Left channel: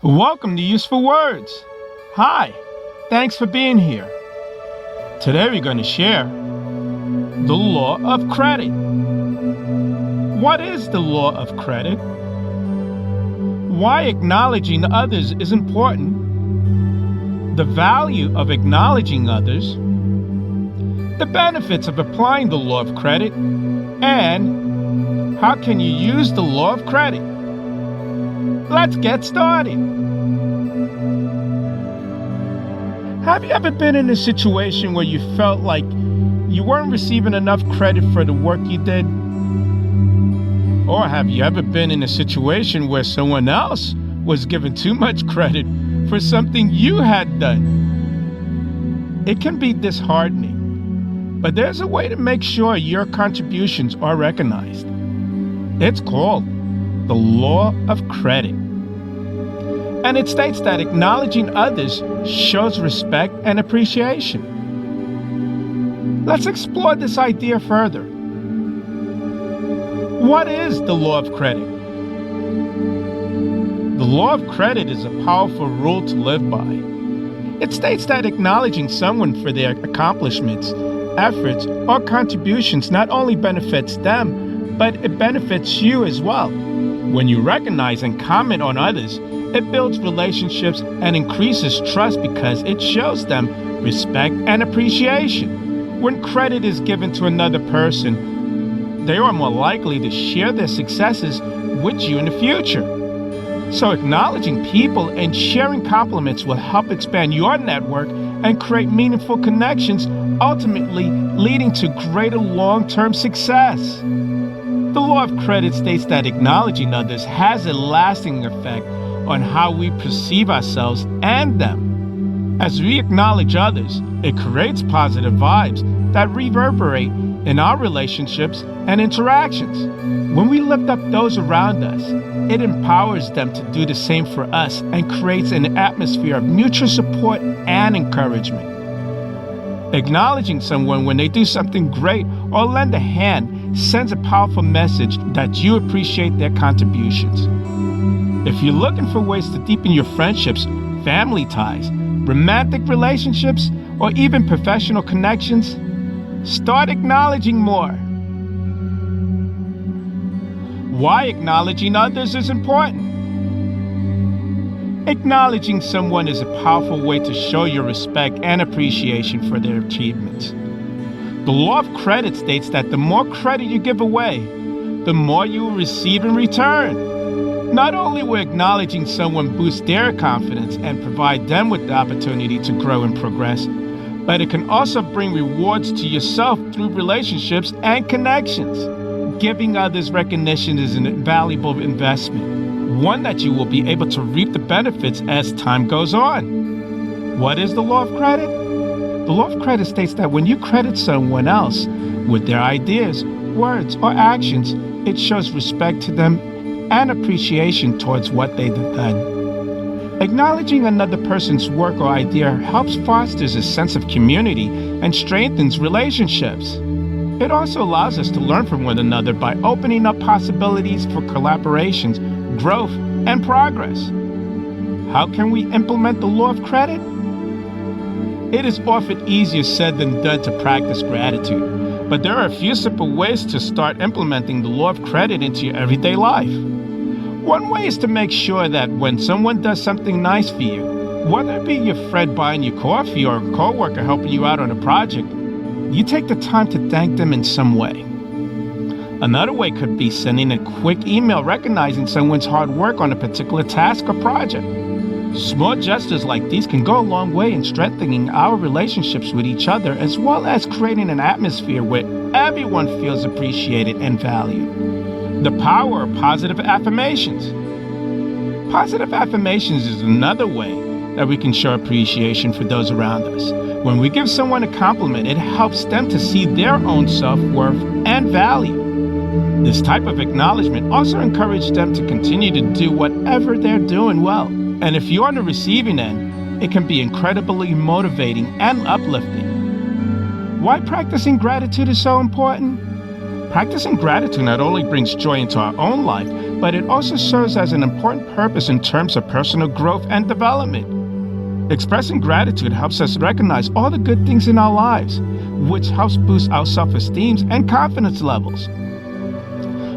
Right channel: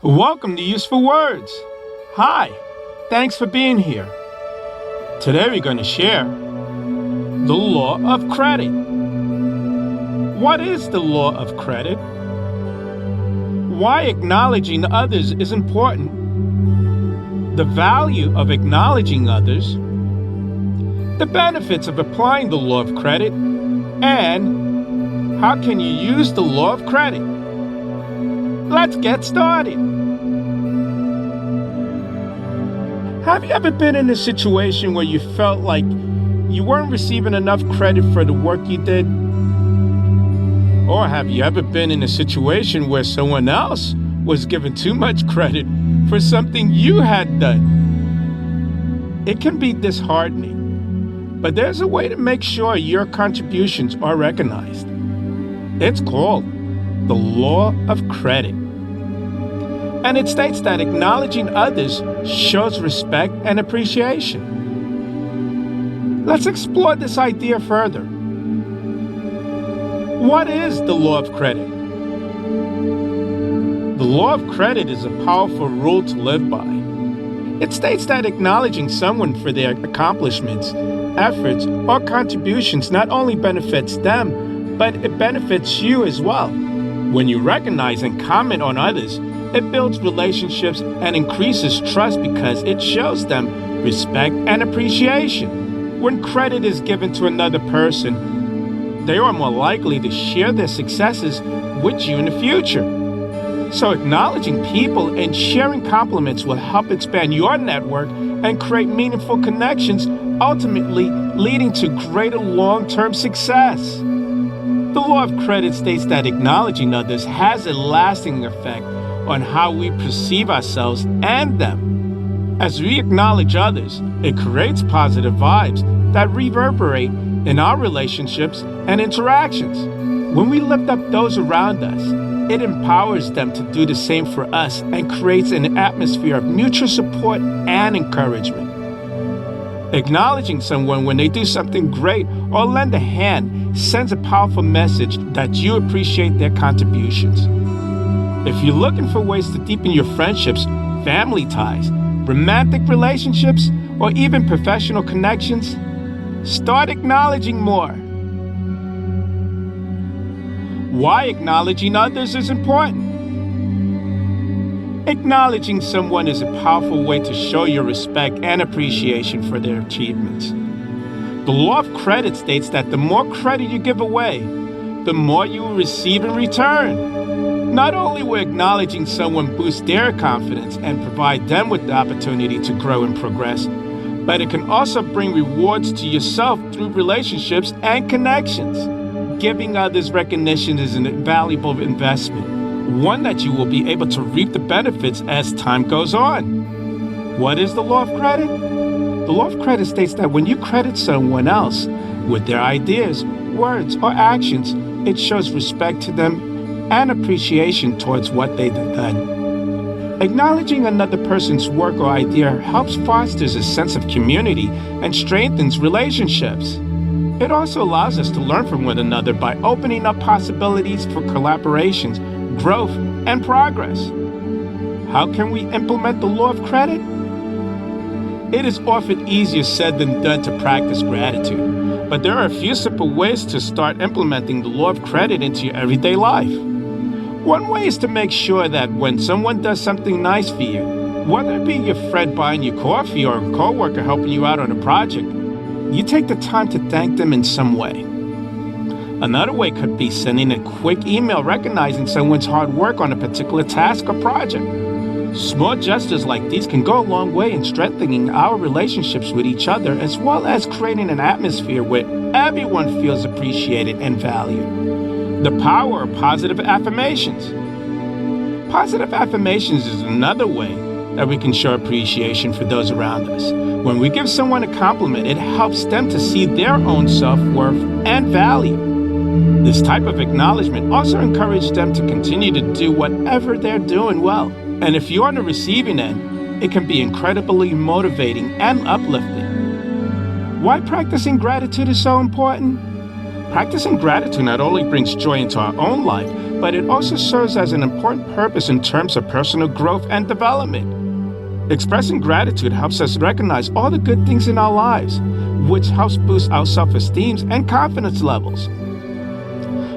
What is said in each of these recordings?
Welcome to Useful Words. Hi, thanks for being here. Today we're going to share the law of credit. What is the law of credit? Why acknowledging others is important. The value of acknowledging others. The benefits of applying the law of credit. And how can you use the law of credit? Let's get started. Have you ever been in a situation where you felt like you weren't receiving enough credit for the work you did? Or have you ever been in a situation where someone else was given too much credit for something you had done? It can be disheartening, but there's a way to make sure your contributions are recognized. It's called the law of credit. And it states that acknowledging others shows respect and appreciation. Let's explore this idea further. What is the law of credit? The law of credit is a powerful rule to live by. It states that acknowledging someone for their accomplishments, efforts, or contributions not only benefits them, but it benefits you as well. When you recognize and comment on others, it builds relationships and increases trust because it shows them respect and appreciation. When credit is given to another person, they are more likely to share their successes with you in the future. So acknowledging people and sharing compliments will help expand your network and create meaningful connections, ultimately leading to greater long-term success. The law of credit states that acknowledging others has a lasting effect on how we perceive ourselves and them. As we acknowledge others, it creates positive vibes that reverberate in our relationships and interactions. When we lift up those around us, it empowers them to do the same for us and creates an atmosphere of mutual support and encouragement. Acknowledging someone when they do something great or lend a hand sends a powerful message that you appreciate their contributions. If you're looking for ways to deepen your friendships, family ties, romantic relationships, or even professional connections, start acknowledging more. Why acknowledging others is important. Acknowledging someone is a powerful way to show your respect and appreciation for their achievements. The law of credit states that the more credit you give away, the more you will receive in return. Not only will acknowledging someone boost their confidence and provide them with the opportunity to grow and progress, but it can also bring rewards to yourself through relationships and connections. Giving others recognition is a valuable investment, one that you will be able to reap the benefits as time goes on. What is the law of credit? The law of credit states that when you credit someone else with their ideas, words, or actions, it shows respect to them and appreciation towards what they've done. Acknowledging another person's work or idea helps fosters a sense of community and strengthens relationships. It also allows us to learn from one another by opening up possibilities for collaborations, growth, and progress. How can we implement the law of credit? It is often easier said than done to practice gratitude, but there are a few simple ways to start implementing the law of credit into your everyday life. One way is to make sure that when someone does something nice for you, whether it be your friend buying you coffee or a coworker helping you out on a project, you take the time to thank them in some way. Another way could be sending a quick email recognizing someone's hard work on a particular task or project. Small gestures like these can go a long way in strengthening our relationships with each other, as well as creating an atmosphere where everyone feels appreciated and valued. The power of positive affirmations. Positive affirmations is another way that we can show appreciation for those around us. When we give someone a compliment, it helps them to see their own self-worth and value. This type of acknowledgement also encourages them to continue to do whatever they're doing well. And if you're on the receiving end, it can be incredibly motivating and uplifting. Why practicing gratitude is so important? Practicing gratitude not only brings joy into our own life, but it also serves as an important purpose in terms of personal growth and development. Expressing gratitude helps us recognize all the good things in our lives, which helps boost our self-esteem and confidence levels.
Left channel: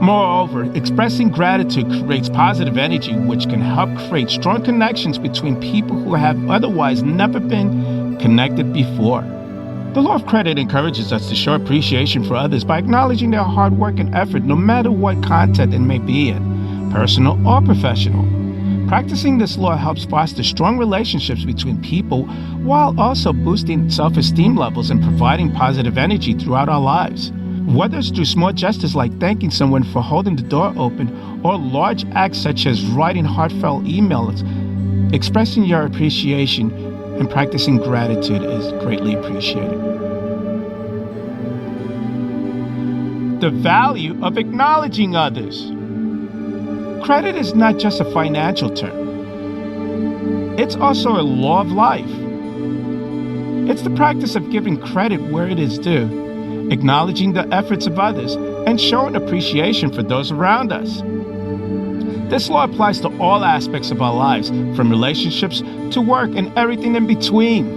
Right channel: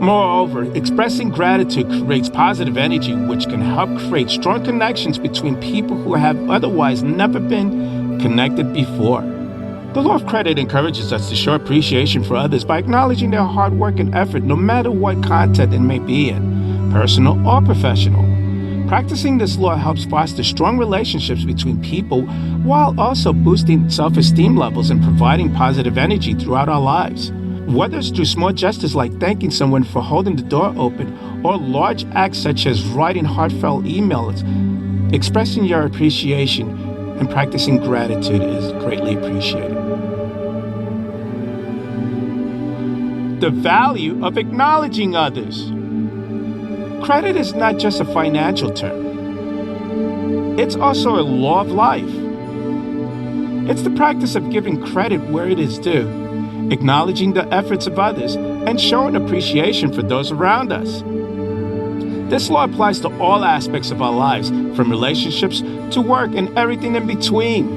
Moreover, expressing gratitude creates positive energy, which can help create strong connections between people who have otherwise never been connected before. The law of credit encourages us to show appreciation for others by acknowledging their hard work and effort, no matter what content it may be in, personal or professional. Practicing this law helps foster strong relationships between people while also boosting self-esteem levels and providing positive energy throughout our lives. Whether it's through small gestures like thanking someone for holding the door open or large acts such as writing heartfelt emails, expressing your appreciation and practicing gratitude is greatly appreciated. The value of acknowledging others. Credit is not just a financial term. It's also a law of life. It's the practice of giving credit where it is due, acknowledging the efforts of others, and showing appreciation for those around us. This law applies to all aspects of our lives, from relationships to work and everything in between.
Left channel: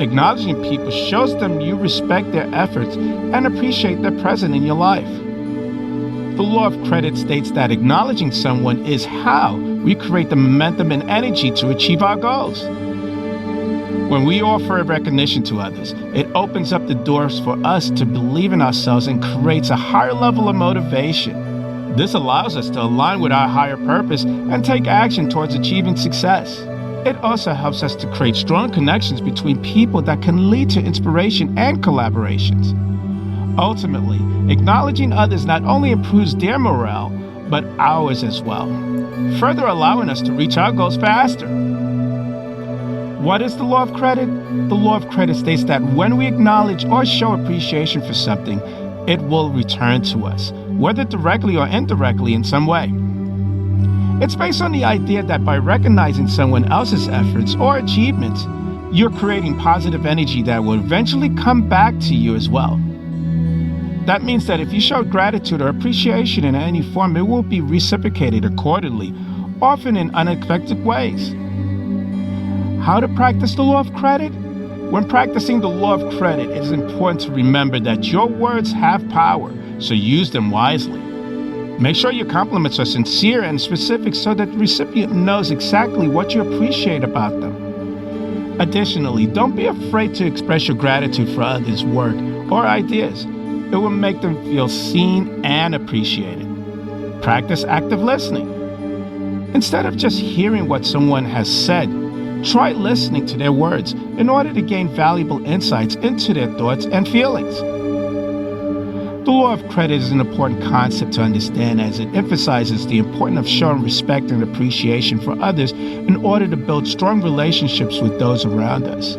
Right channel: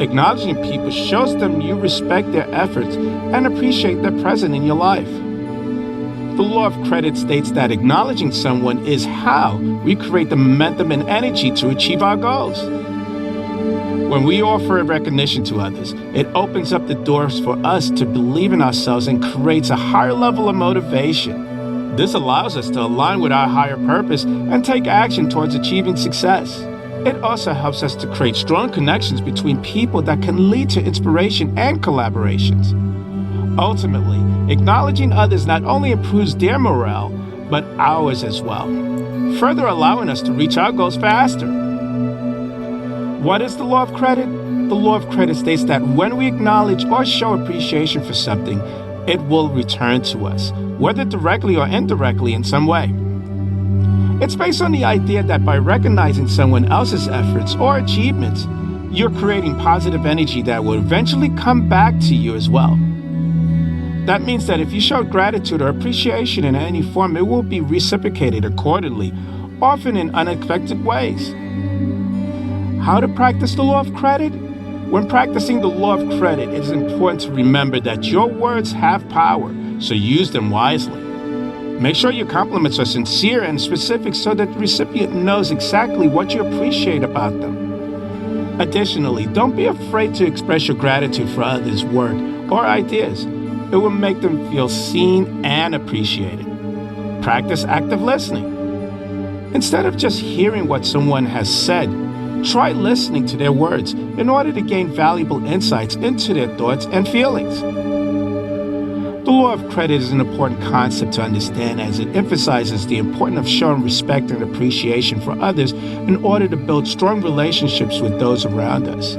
Acknowledging people shows them you respect their efforts and appreciate their presence in your life. The law of credit states that acknowledging someone is how we create the momentum and energy to achieve our goals. When we offer recognition to others, it opens up the doors for us to believe in ourselves and creates a higher level of motivation. This allows us to align with our higher purpose and take action towards achieving success. It also helps us to create strong connections between people that can lead to inspiration and collaborations. Ultimately, acknowledging others not only improves their morale, but ours as well, further allowing us to reach our goals faster. What is the law of credit? The law of credit states that when we acknowledge or show appreciation for something, it will return to us, whether directly or indirectly in some way. It's based on the idea that by recognizing someone else's efforts or achievements, you're creating positive energy that will eventually come back to you as well. That means that if you show gratitude or appreciation in any form, it will be reciprocated accordingly, often in unexpected ways. How to practice the law of credit? When practicing the law of credit, it is important to remember that your words have power, so use them wisely. Make sure your compliments are sincere and specific so that the recipient knows exactly what you appreciate about them. Additionally, don't be afraid to express your gratitude for others' work or ideas. It will make them feel seen and appreciated. Practice active listening. Instead of just hearing what someone has said, try listening to their words in order to gain valuable insights into their thoughts and feelings. The law of credit is an important concept to understand as it emphasizes the importance of showing respect and appreciation for others in order to build strong relationships with those around us.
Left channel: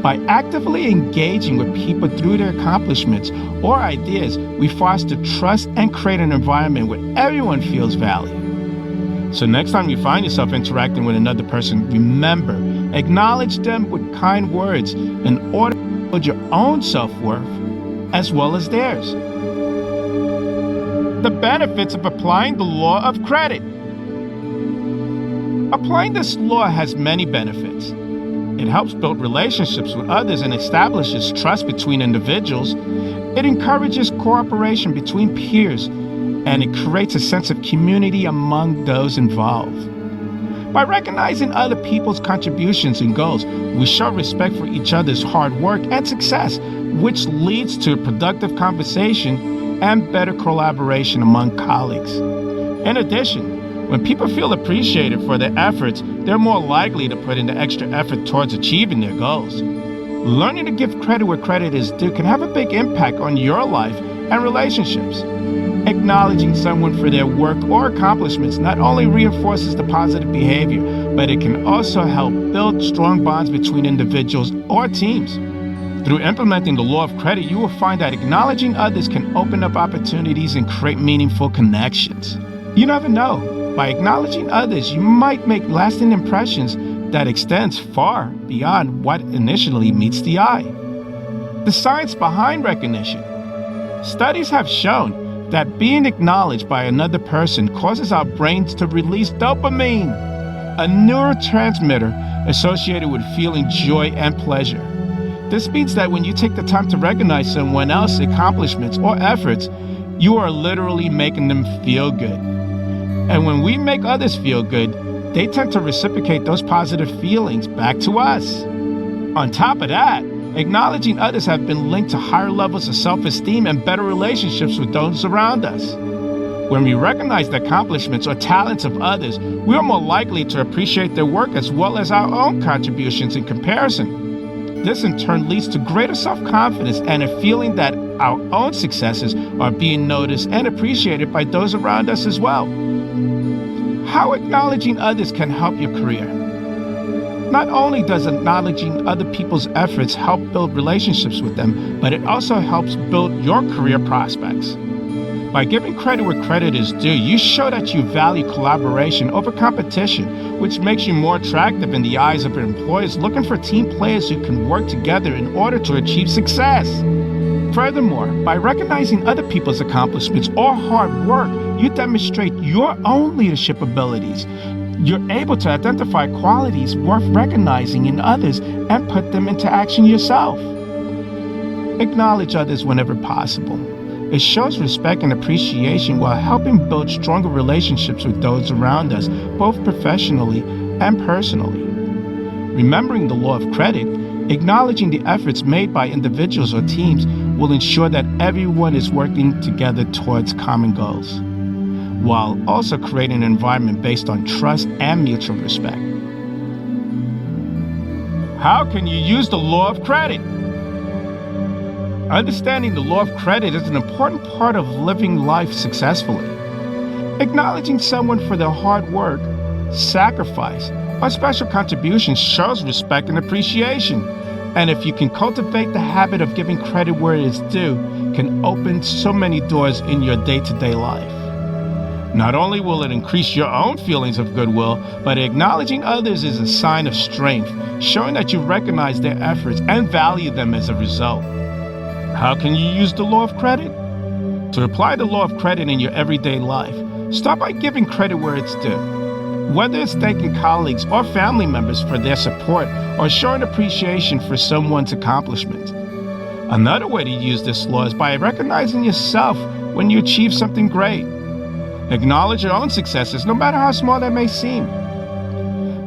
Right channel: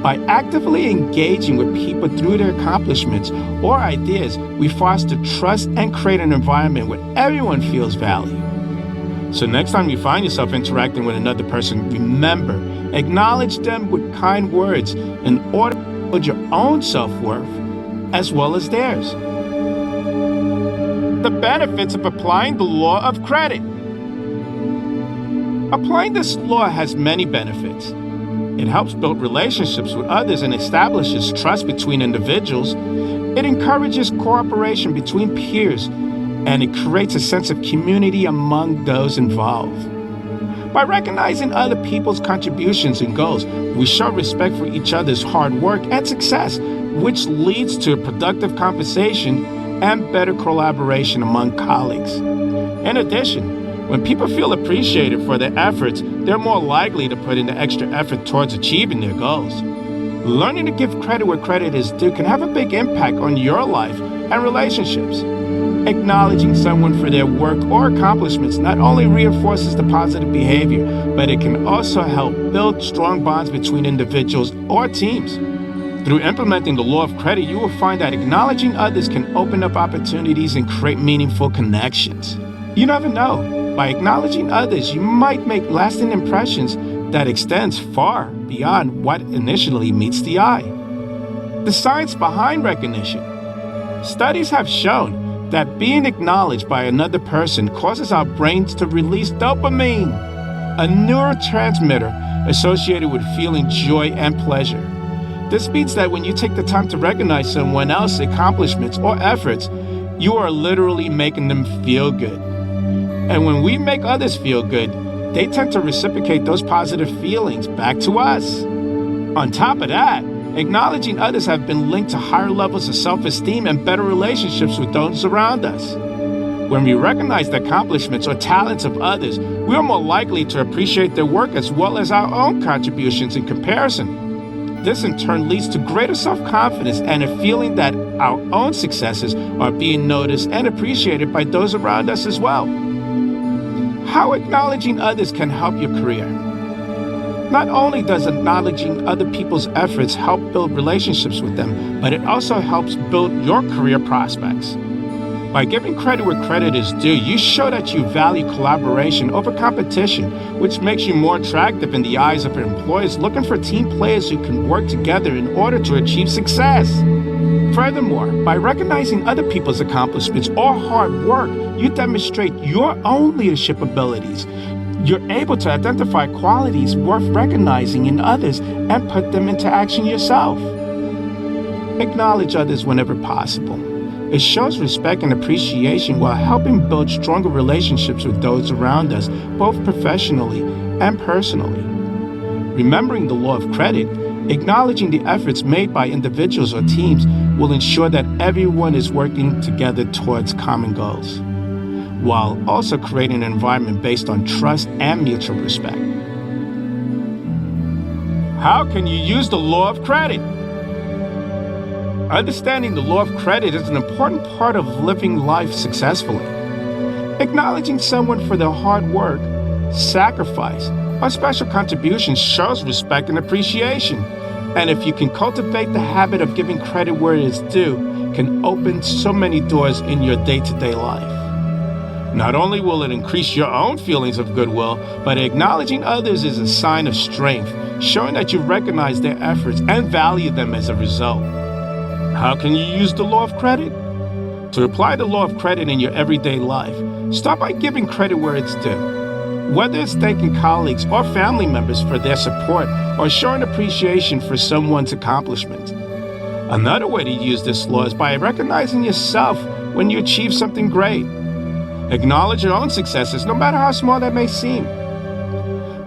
By actively engaging with people through their accomplishments or ideas, we foster trust and create an environment where everyone feels valued. So next time you find yourself interacting with another person, remember, acknowledge them with kind words in order to build your own self-worth as well as theirs. The benefits of applying the law of credit. Applying this law has many benefits. It helps build relationships with others and establishes trust between individuals. It encourages cooperation between peers, and it creates a sense of community among those involved. By recognizing other people's contributions and goals, we show respect for each other's hard work and success, which leads to a productive conversation and better collaboration among colleagues. In addition, when people feel appreciated for their efforts, they're more likely to put in the extra effort towards achieving their goals. Learning to give credit where credit is due can have a big impact on your life and relationships. Acknowledging someone for their work or accomplishments not only reinforces the positive behavior, but it can also help build strong bonds between individuals or teams. Through implementing the law of credit, you will find that acknowledging others can open up opportunities and create meaningful connections. You never know. By acknowledging others, you might make lasting impressions that extends far beyond what initially meets the eye. The science behind recognition. Studies have shown that being acknowledged by another person causes our brains to release dopamine, a neurotransmitter associated with feeling joy and pleasure. This means that when you take the time to recognize someone else's accomplishments or efforts, you are literally making them feel good. And when we make others feel good, they tend to reciprocate those positive feelings back to us. On top of that, acknowledging others have been linked to higher levels of self-esteem and better relationships with those around us. When we recognize the accomplishments or talents of others, we are more likely to appreciate their work as well as our own contributions in comparison. This in turn leads to greater self-confidence and a feeling that our own successes are being noticed and appreciated by those around us as well. How acknowledging others can help your career. Not only does acknowledging other people's efforts help build relationships with them, but it also helps build your career prospects. By giving credit where credit is due, you show that you value collaboration over competition, which makes you more attractive in the eyes of your employers looking for team players who can work together in order to achieve success. Furthermore, by recognizing other people's accomplishments or hard work, you demonstrate your own leadership abilities. You're able to identify qualities worth recognizing in others and put them into action yourself. Acknowledge others whenever possible. It shows respect and appreciation while helping build stronger relationships with those around us, both professionally and personally. Remembering the law of credit, acknowledging the efforts made by individuals or teams will ensure that everyone is working together towards common goals, while also creating an environment based on trust and mutual respect. How can you use the law of credit? Understanding the law of credit is an important part of living life successfully. Acknowledging someone for their hard work, sacrifice, or special contributions shows respect and appreciation. And if you can cultivate the habit of giving credit where it is due, can open so many doors in your day-to-day life. Not only will it increase your own feelings of goodwill, but acknowledging others is a sign of strength, showing that you recognize their efforts and value them as a result. How can you use the law of credit? To apply the law of credit in your everyday life, start by giving credit where it's due. Whether it's thanking colleagues or family members for their support or showing appreciation for someone's accomplishments. Another way to use this law is by recognizing yourself when you achieve something great. Acknowledge your own successes, no matter how small that may seem.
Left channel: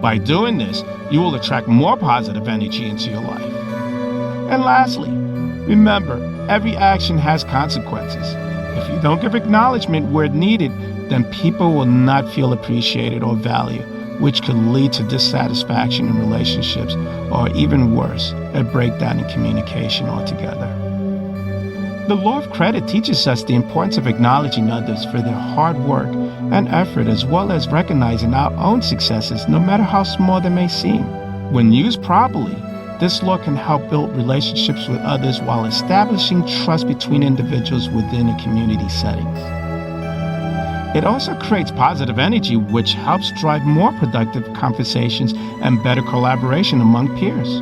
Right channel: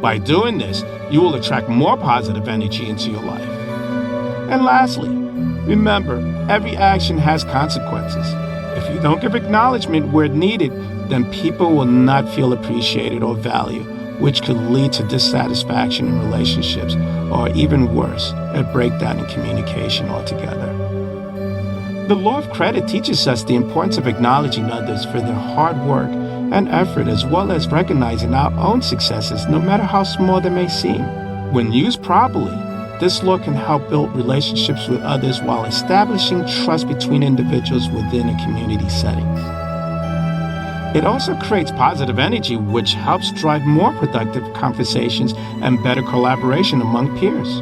By doing this, you will attract more positive energy into your life. And lastly, remember, every action has consequences. If you don't give acknowledgement where needed, then people will not feel appreciated or valued, which could lead to dissatisfaction in relationships, or even worse, a breakdown in communication altogether. The law of credit teaches us the importance of acknowledging others for their hard work and effort, as well as recognizing our own successes, no matter how small they may seem. When used properly, this law can help build relationships with others while establishing trust between individuals within a community settings. It also creates positive energy, which helps drive more productive conversations and better collaboration among peers.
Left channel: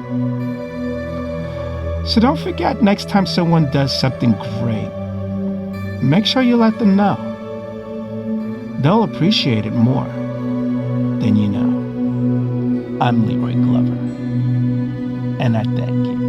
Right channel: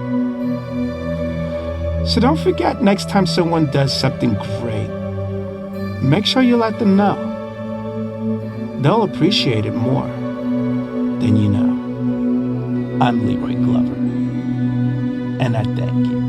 So don't forget, next time someone does something great, make sure you let them know. They'll appreciate it more than you know. I'm Leroy Glover, and I thank you.